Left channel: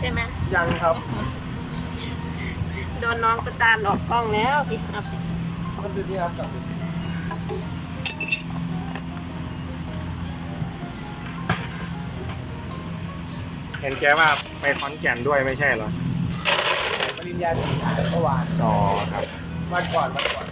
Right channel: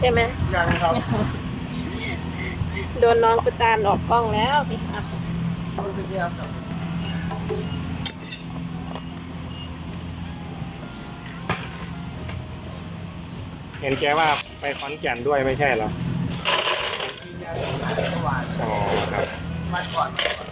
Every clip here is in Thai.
ใช่ไหมยังครับ โดนน้องประจานออกกล้องแล้วพี่ฮาร์ปมันคือที่ครับจับเห็นแกว่าไปขอนแก่นด้วยไม่ใช่เหรอปริญญาที่มาเมื่อวานอ๋อครับวันก่อนวันก่อน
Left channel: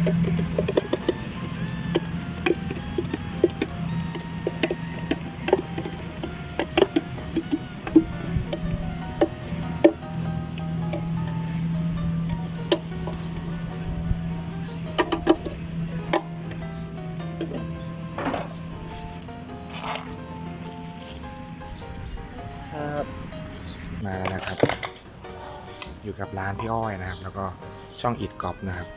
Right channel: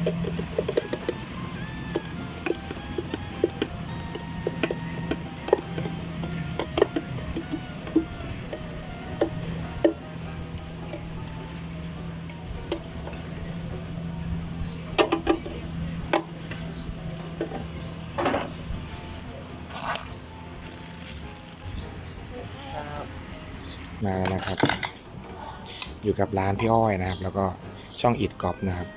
มาแล้วนะครับ อยู่กับร้านพี่อ้อยนะครับ แล้วก็ช่องอิดกอบนะครับ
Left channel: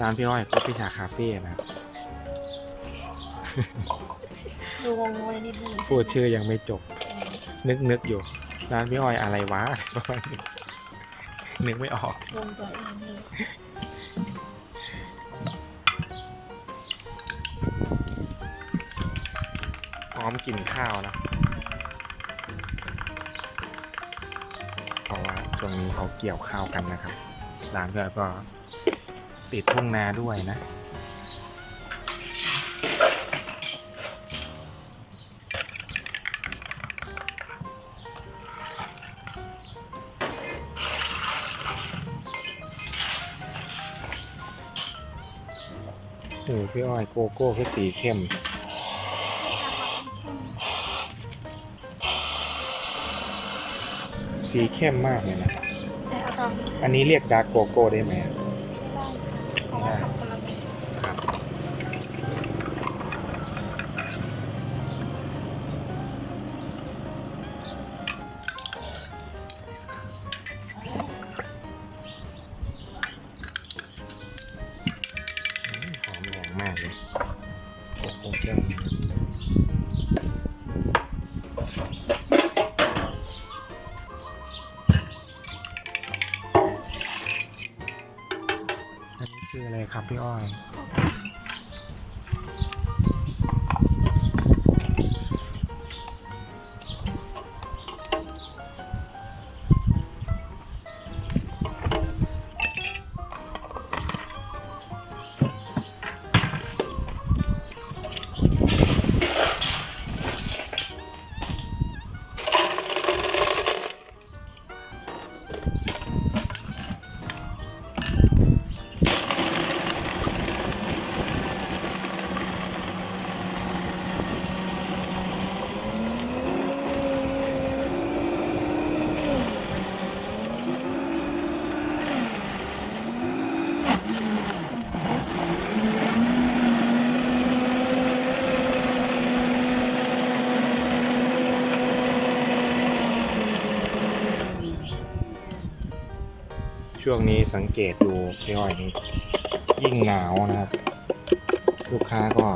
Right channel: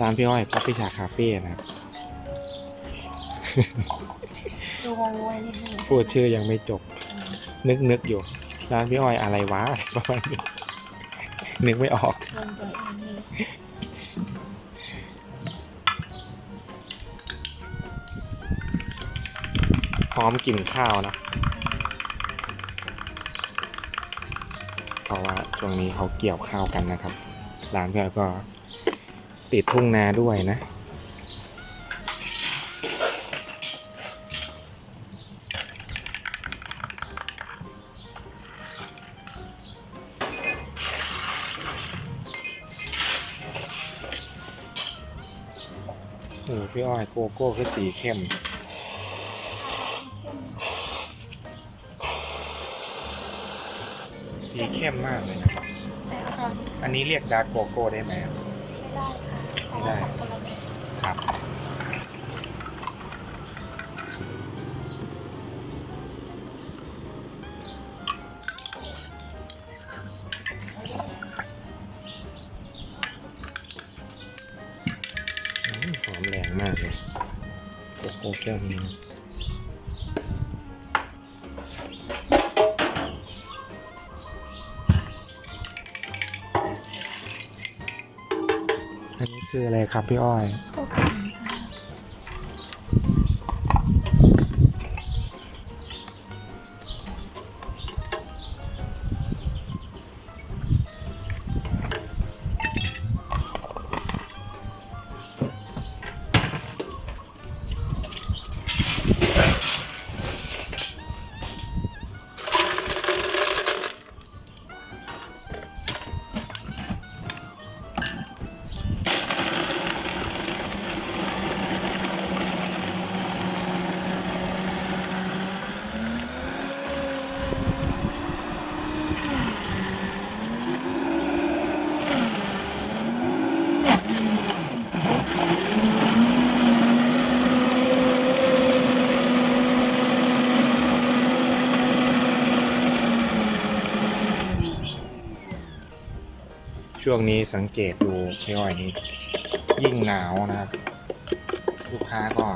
ร้านพี่อ้อยก็พิชาคาเฟ่นะครับดูงงไว้นิดนึงพูดชื่อยังไม่จบ นึกนึกอยู่ ร้านพี่อ้อยอะไรวะประมาณนี้นึกไม่ออก ลงตัวเองเลยพร้อมกินข้าวนะเพราะว่าช่วงนี้เขาเกี่ยวข้าวกันนะครับ ร้านพี่อ้อยก็ ติดทุ่งนาด้วยนะ โอ้พี่อ้อยโกโก้คือสีเข้มสีเข้มมากเลยนะ อันนี้เรียกดาร์กโกโก้ได้ไหม ได้ค่ะเพราะว่าทำคนละแบบครับหอมแรงมากเลยโกโก้แก้วนี้ คืออะไรครับพี่อ้อย ช่วงนี้สังเกตดูพี่อ้อยนี่ยิ่งหนาวนะครับ ลูกค้าก็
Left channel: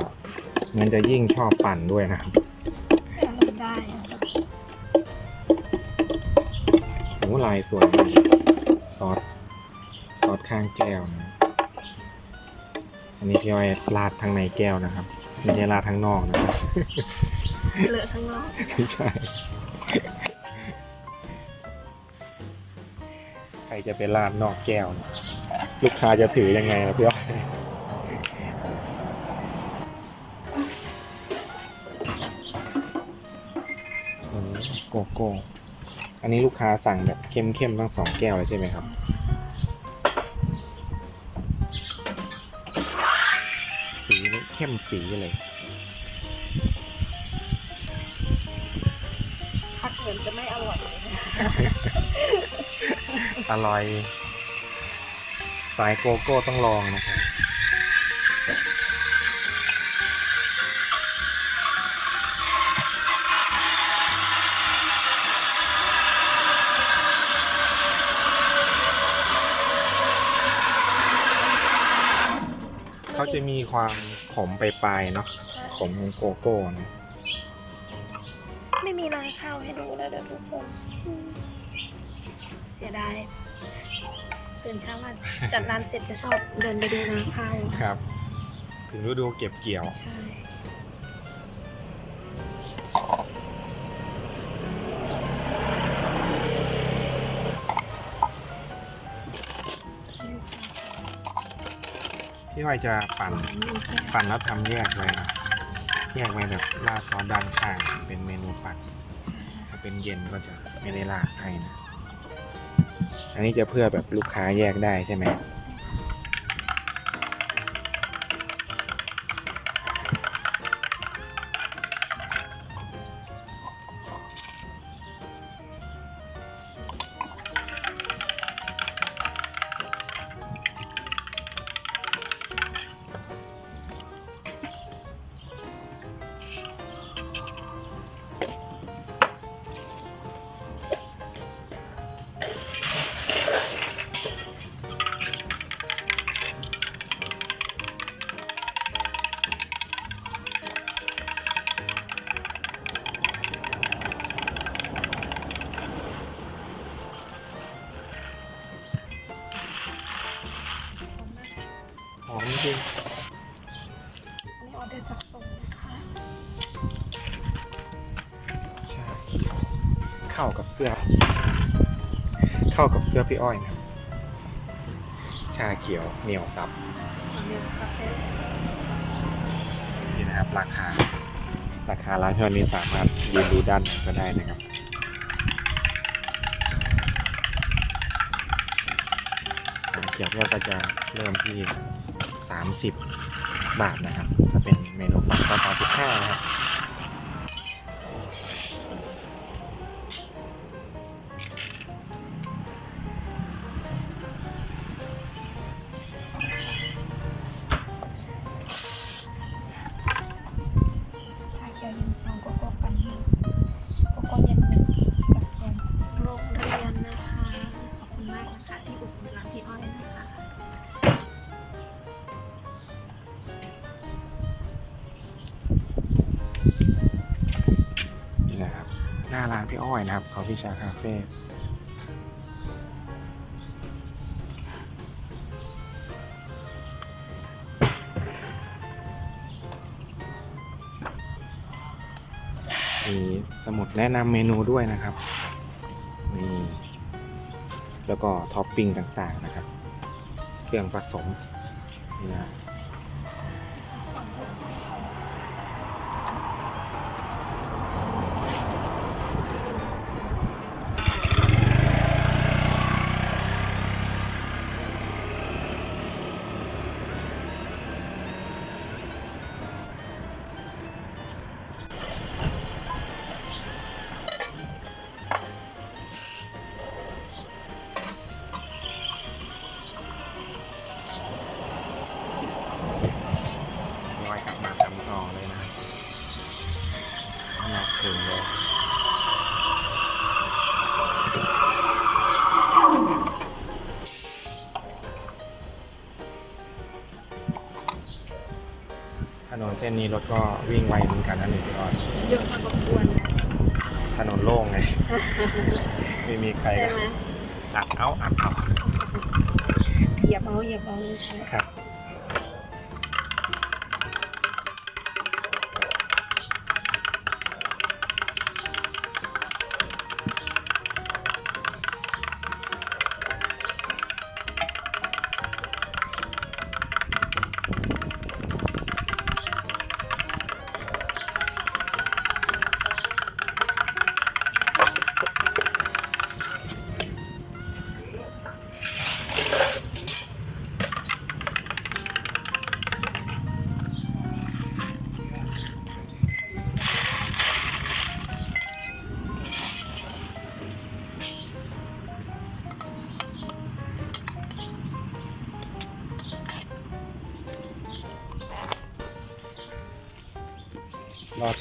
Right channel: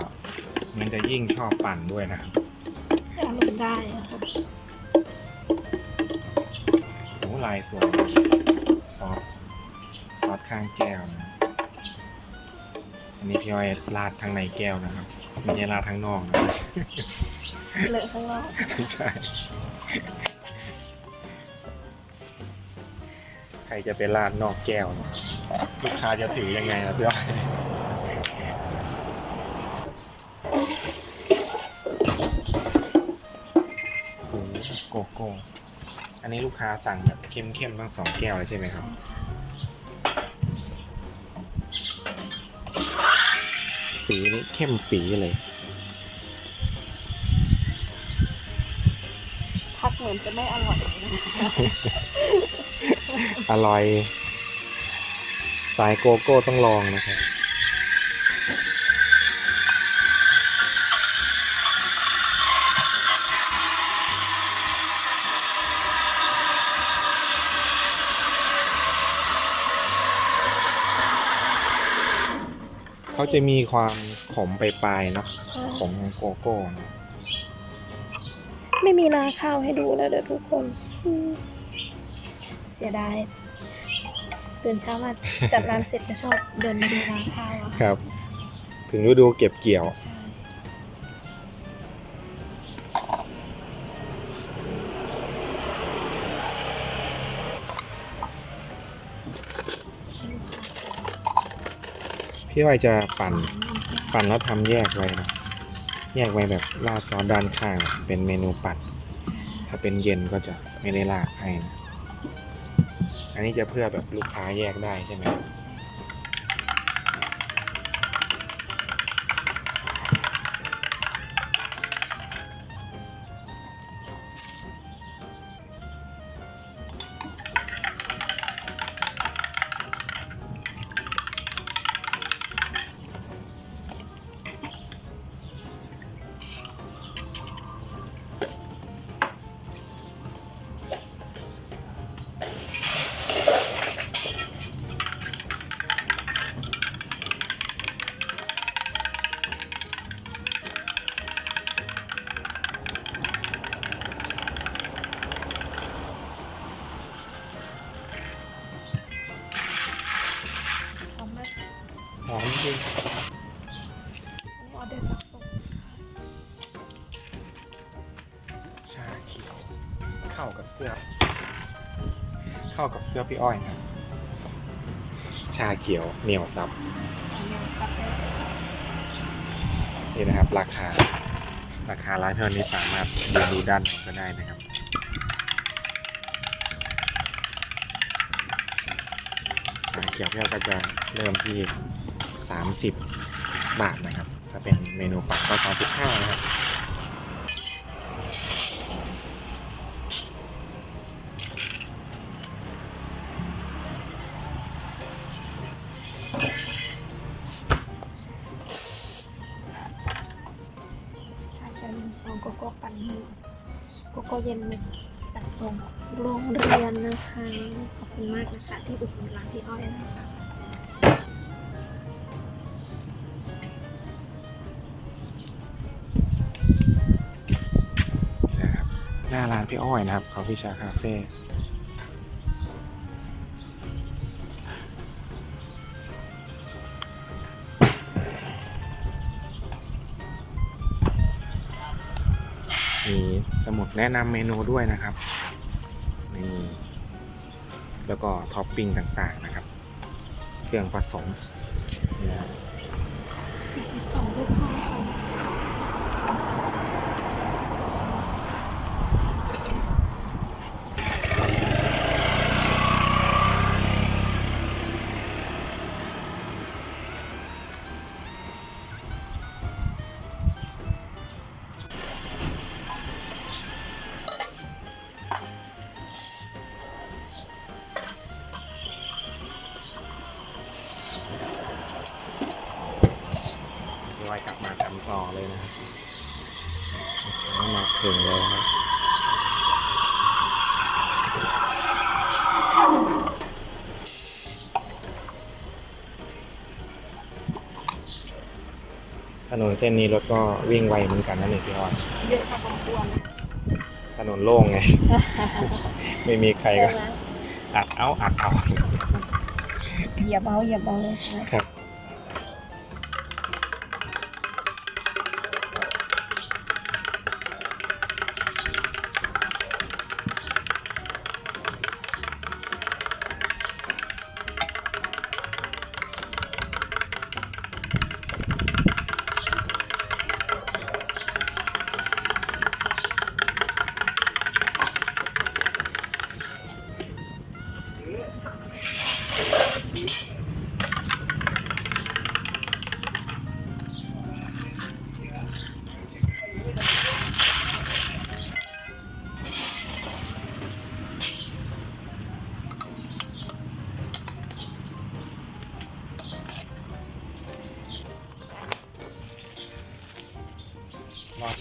เหมันจะยิ่งชอบปั่นด้วยนะครับอารมณ์ได้อะครับโอ้ลายสวยมากซอสซอสข้างแก้วนะอันนี้พี่อ้อยราดทั้งในแก้วนะครับ ไม่ใช่ราดทั้งนอกนะครับ เลอะข้างนอก ไม่ใช่ รจะไปราดนอกแก้วเนอะลูกค้าจะถือยังไงนะพี่อ้อยโกโก้ อันนี้ลูกค้าสั่งแบบเข้มๆต้งสองแก้วเลยใช่ไหมครับ สีเข้มปีเลย เหมือนจะไม่อร่อยเลยนะอร่อย สายโกโก้ต้องลองนะครับเขาจะมีความขมไปลายๆเนาะขมของโกโก้เนอะ ไม่มีนาข้าวให้ดูแล้วเด้อทุกคนอืมเสียดายตื่นเช้ามาจัดร้านเสร็จจะชอบเดินไปดูนาข้าวอะครับ ถึงฤดูเก็บเกี่ยว ใช่ให้ลูกค้าก่อนพี่อ้อยจะปั่นหวานนี่ก็ปั่นแล้วทำแยกไว้นะ แยกไว้แบบราดซอสด้านข้างเป็นเมนูปัด ถ้าเป็นเย็นก็จะไม่ได้ราดให้นะ อันนี้จะเพื่อแบบลูกค้าแยกได้ใช่ไหม หอมจริงอันนี้ออเดอร์จากส่งนะคะชาเขียวเข้ากับเสื้อ เข้ากับเสื้อพี่อ้อยนะครับ ชาเขียวเหนียวซับนนี้ซับไปเลยนี่นะครับ ราคา ราคาร้านเท่านี้สามารถยืนดูด้านในก็ได้นะครับ ชาเขียวพี่อ้อยก็จะเริ่มที่ 30 บาทนะครับ ถ้าเป็นเมนูปักก็35นะครับ ร้านพี่อ้อยนะครับคอฟฟี่ชาคาเฟ่มีสมุดแนะนำเมนูด้วยนะครับนี่แล้วก็ท็อปปิ้งต่างๆนะครับ เครื่องผสมนี่นะครับ นนเส้นนี้รถก็วิ่งไวเหมือนกันนะนี่พี่อ้อยเยอะพอสมควรถนนโล่งไง ไม่มีใครใช่ก็ไหมอัดเอาอัดเอาเหยียบเอาเหยียบเอาเลยใช่ไหมครับ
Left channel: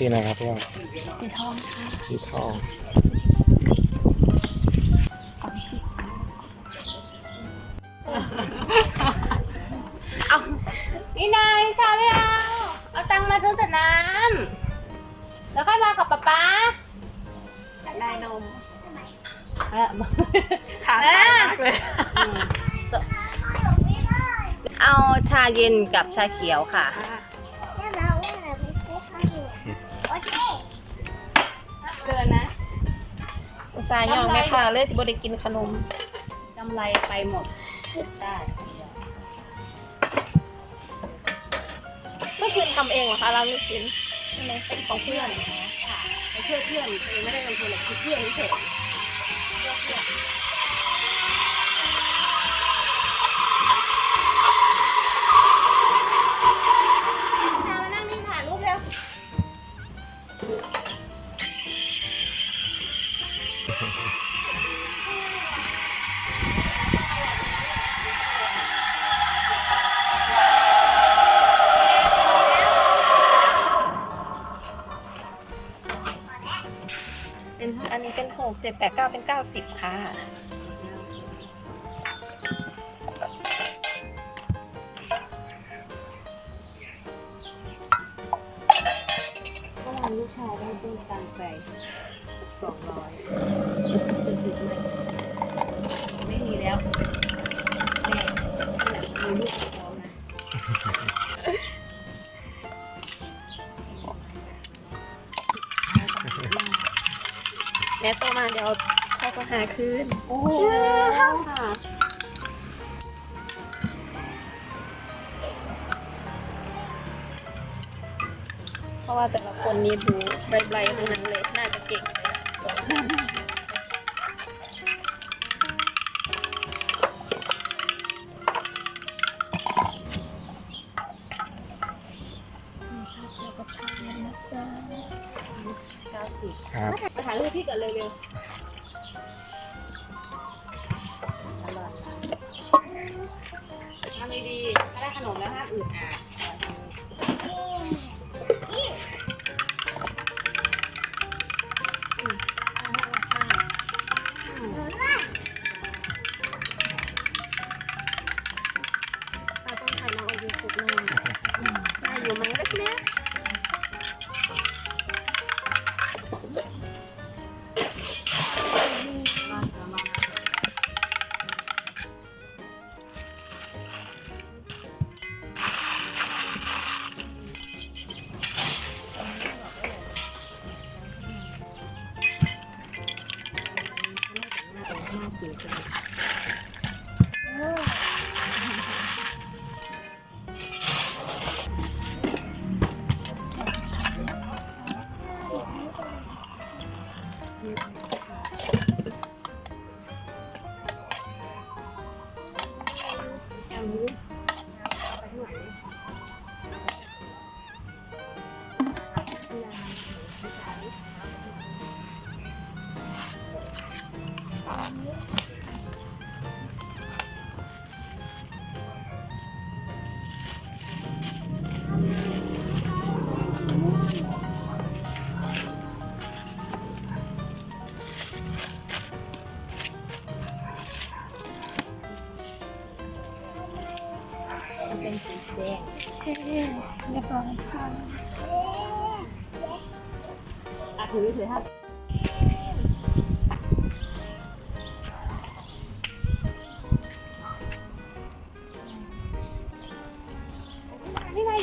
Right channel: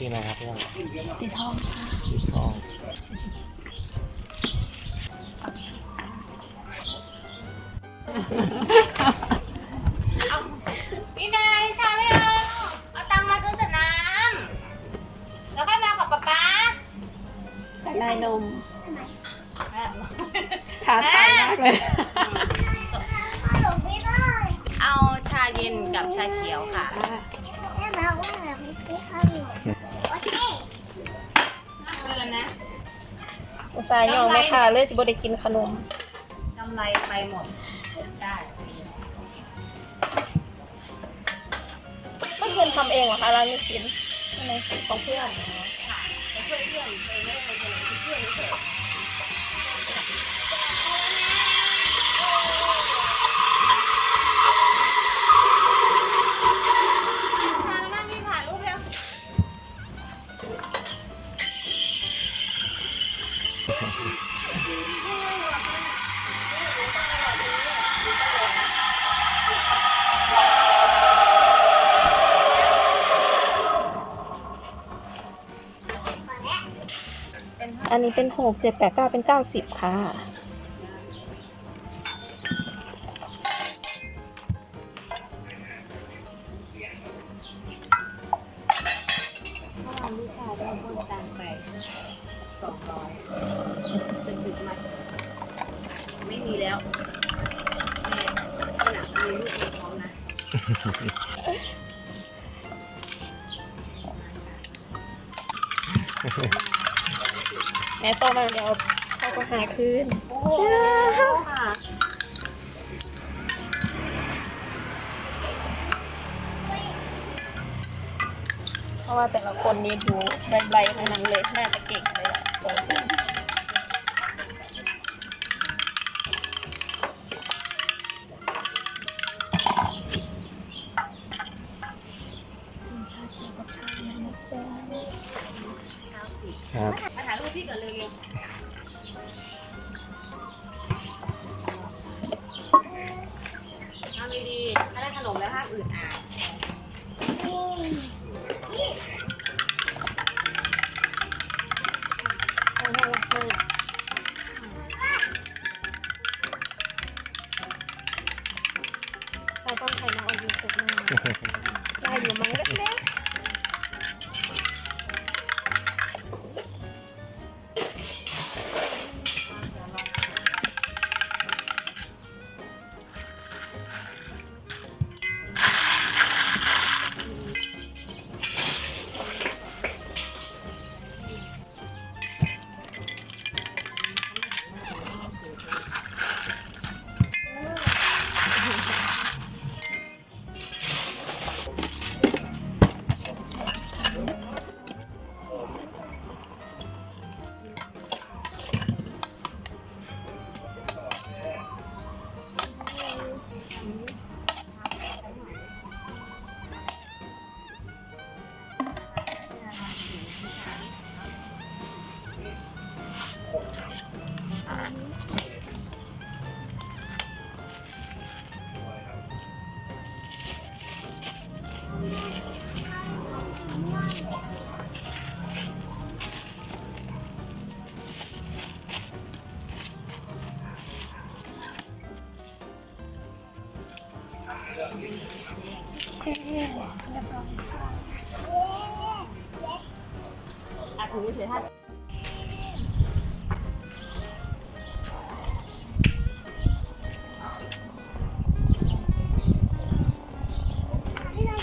สีอะไรครับพี่ว่าสีทองค่ะสีทองสาอินี่นายชาไม่เอา เอาตังค์มาซื้อแต่น้ำแล้วค่อยมากับป๊าป๊าลายนมขาตายมากเลย เอาชาเย็นกับชาเขียวค่ะ ส่าห์ย่องแม่ค่ะเลยสิบ่ได้กินขนมกำไรไปหมดได้เมื่อคืนทำเองเหรอคะร้านลูกชิ้นใช่ไหมของเพื่อนไปช่วยเพื่อนเองไม่ได้ไปช่วยหรอกคือเพื่อนเฉย อันนี้เป็นหกเจ็ดแปดเก้าเป็นเก้าสิบค่ะ แม่โตมาเดี๋ยวเขาก็หาคืนโอ้โหค่ะเพราะว่าแต่ละคนนี่ดูใบๆทั้งนั้นเลยน่าจะเก่งเลย สิครับ มาถ่ายรูปพี่ก่อนเร็วๆทำดีๆถ้าได้ขนมแล้วห้ามอื่นอาด Yeah.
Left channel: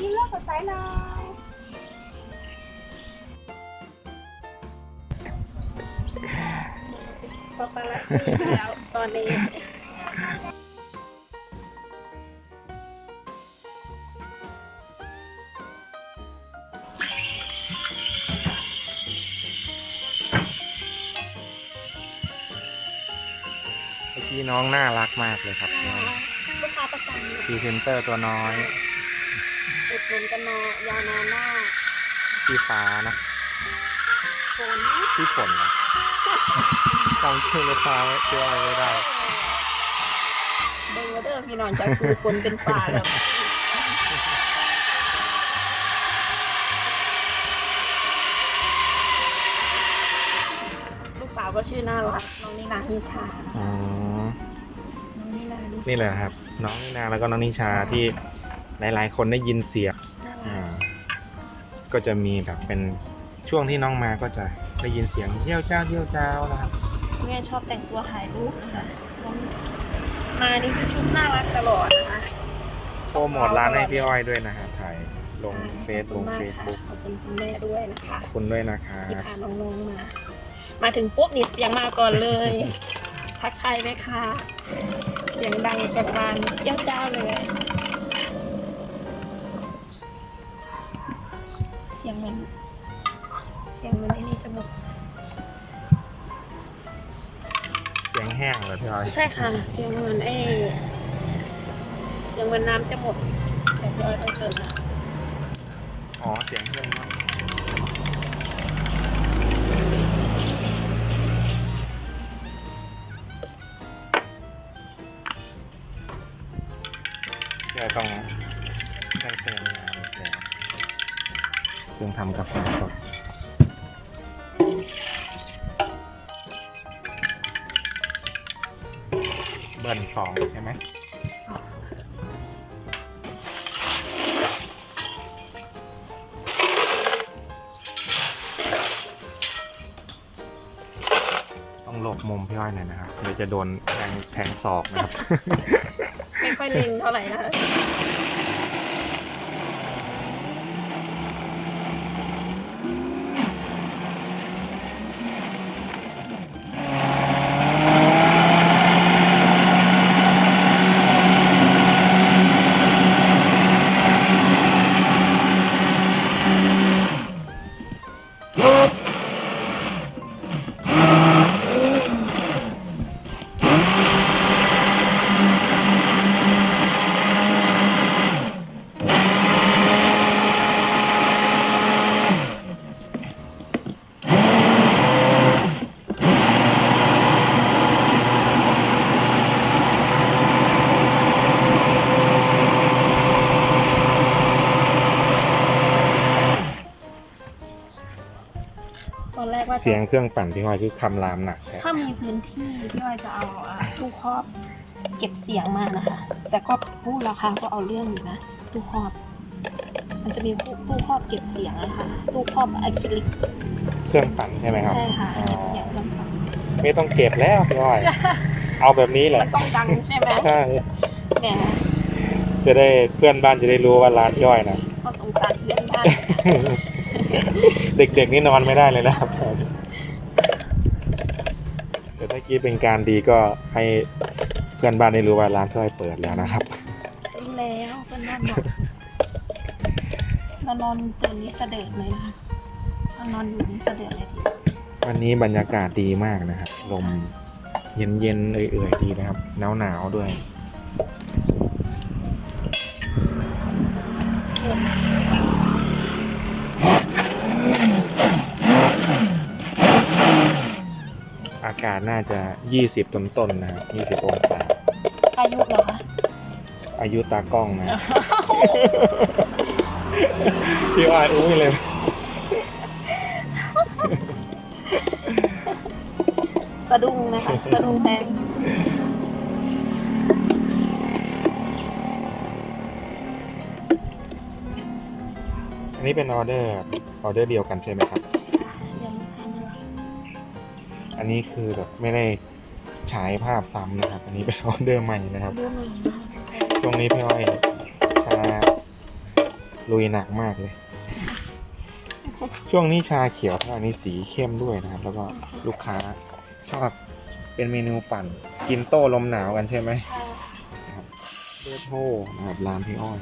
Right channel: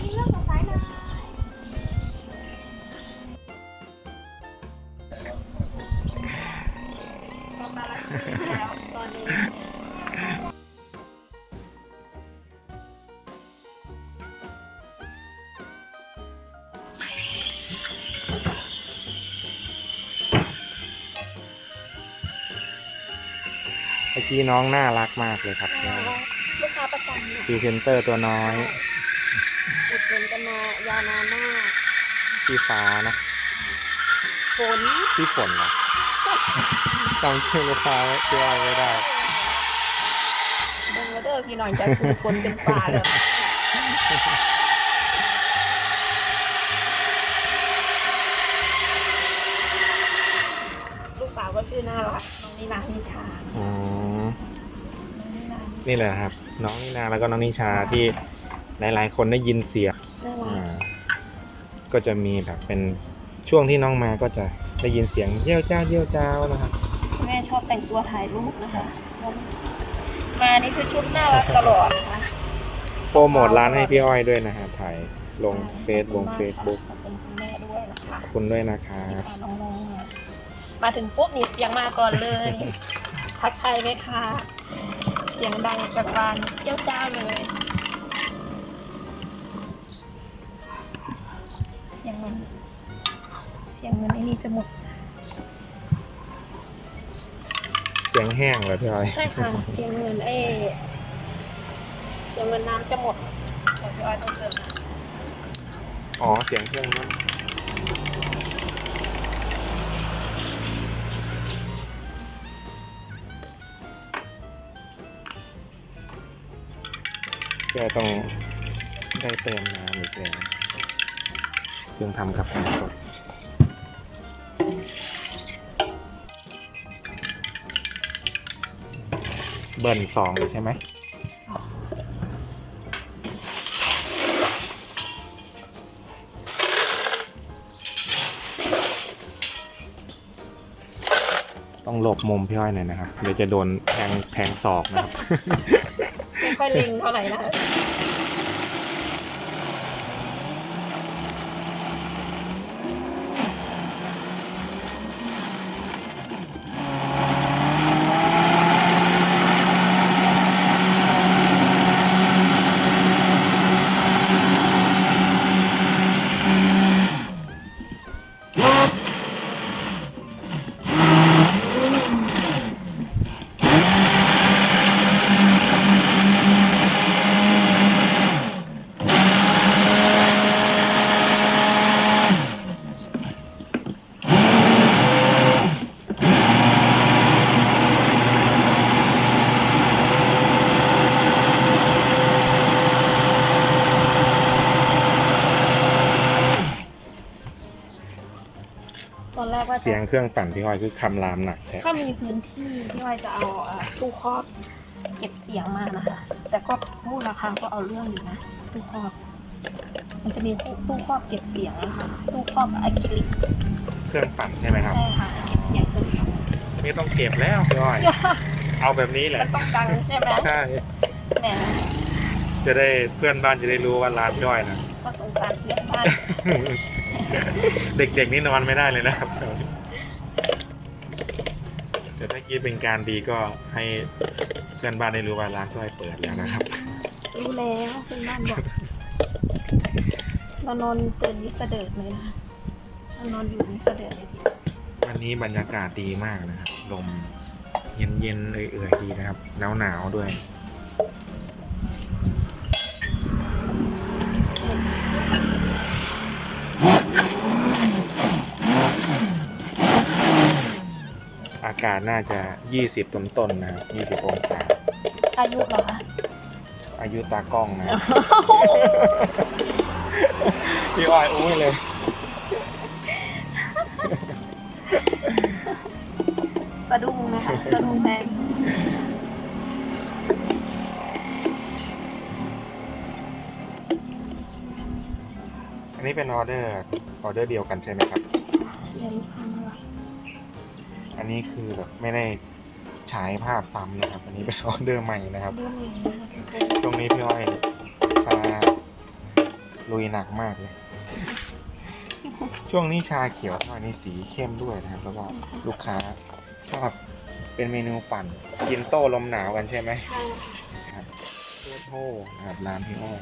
พี่นายยิ้มเลิกกับสายเลยปาปาลัสซี่แล้วตอนนี้เมื่อกี้น้องน่ารักมากเลยครับน้องลูกค้าประจำอยู่พรีเซนเตอร์ตัวน้อย ฝนกันมายาวนานมากพี่ฟ้านะฝนพี่ฝนนะจำชื่อลูกค้าชื่ออะไรไม่ได้เบิ่งว่าเด้อพี่น้อยจะซื้อฝนเป็นฟ้าแล้วลูกสาวก็ชื่อน่ารักน้องนีนาฮิชาอ๋อนี่แหละครับ น้องนินาแล้วก็น้องนิชาที่ หลายๆ คนได้ยินเสียงน่ารัอ่ากก็จะมีแบบเป็นช่วงที่น้องมาก็จะได้ยินเสียงเยี่ยวเจ้าเยี่ยวเจ้านะครับแม่ชอบแต่งตัวถ่ายรูปนะคะงั้นมานี่คือชุดน่ารักตลอดนะคะ โปรโมทร้านให้พี่อ้อยด้วยนะครับถ่ายลงเฟซลงเฟซบุ๊กขอบคุณคุณแม่ด้วยนะคะ คุณด้วยนะครัที่บพาน้องๆมา มาถึงปุ๊บนี่เสียงมาก่อนเลย ทักทายไหมคะ เสียงดังแบบบานเจ้าเจ้าเลย สียงเหมือนไอ้นี่จมูกเสียงแห้งเหรอพี่อ้อยใช่ค่ะ เสียงเหมือนไอ้เสียงเหมือนน้ำจะหมดแต่พี่อ้อยต้องเติมน้ำอ๋อ เสียงเครื่องนั่นจะต้องได้เติมน้ำอีกแล้วเครื่องทำกาแฟสด เบิร์นสองใช่ไหมต้องหลบมุมพี่อ้อยหน่อยนะครับเดี๋ยวจะโดนแทงแทงศอกนะครับ ไม่ค่อยลิงเท่าไหร่นะ ว่าจะเสียงเครื่องปั่นพี่อ้อยคือคำรามหนักแท้ถ้ามีพื้นที่พี่อ้อยจะเอาอะตู้ครอบเก็บเสียงมานะคะ แต่ก็พูดราคาก็เอาเรื่องอยู่นะตู้ครอบ มันจะมีตู้ครอบเก็บเสียงนะคะตู้ครอบอะคริลิกเครื่องปั่นใช่ไหมครับ ใช่ค่ะเก็บเสียงเครื่องปั่นไม่ต้องเก็บแล้วพี่อ้อย เอาแบบนี้แหละมันต้องดังใช่ไหมใช่แหมจะได้เพื่อนบ้านจะได้รู้ว่าร้านพี่อ้อยนะก็สงสารเพื่อนบ้าน เด็กๆนี่นอนไม่ได้เลยนะครับเดี๋ยวเมื่อกี้เป็นการดีก็ให้เพื่อนบ้านได้รู้ว่าร้านพี่อ้อยเปิดแล้วนะครับ รู้แล้วเพื่อนบ้านบอกเรานอนตื่นนี้เสดิร์ดเลยนะคะเรานอนอยู่นี่เสดิร์ดเลยทีวันนี้บรรยากาศดีมากนะครับ ลมเย็นๆเอื่อยๆดีนะครับ หนาวๆด้วย กาศน่าจะ 20ต้นๆนะครับ20 องศา อายุเหรอคะ อายุตากล้องนะครับ พี่อ้อยอุ้ยเลย สะดุ้งนะคะ สะดุ้งแทนอันนี้เป็นออเดอร์ออเดอร์เดียวกันใช่ไหมครับ นนี้คือแบบไม่ได้ฉายภาพซ้ำนะครับ อันนี้เป็นออเดอร์ใหม่นะครับ เรื่องอะไรนะคะช่วงนี้พี่อ้อยชาลุยหนักมากเลย ช่วงนี้ชาเขียวทอดนี่สีเข้มด้วยนะครับ แล้วก็ลูกค้าชอบเป็นเมนูปั่น กินโต้ลมหนาวกันใช่ไหมค่ะเพื่อโทนะครับร้านพี่อ้อย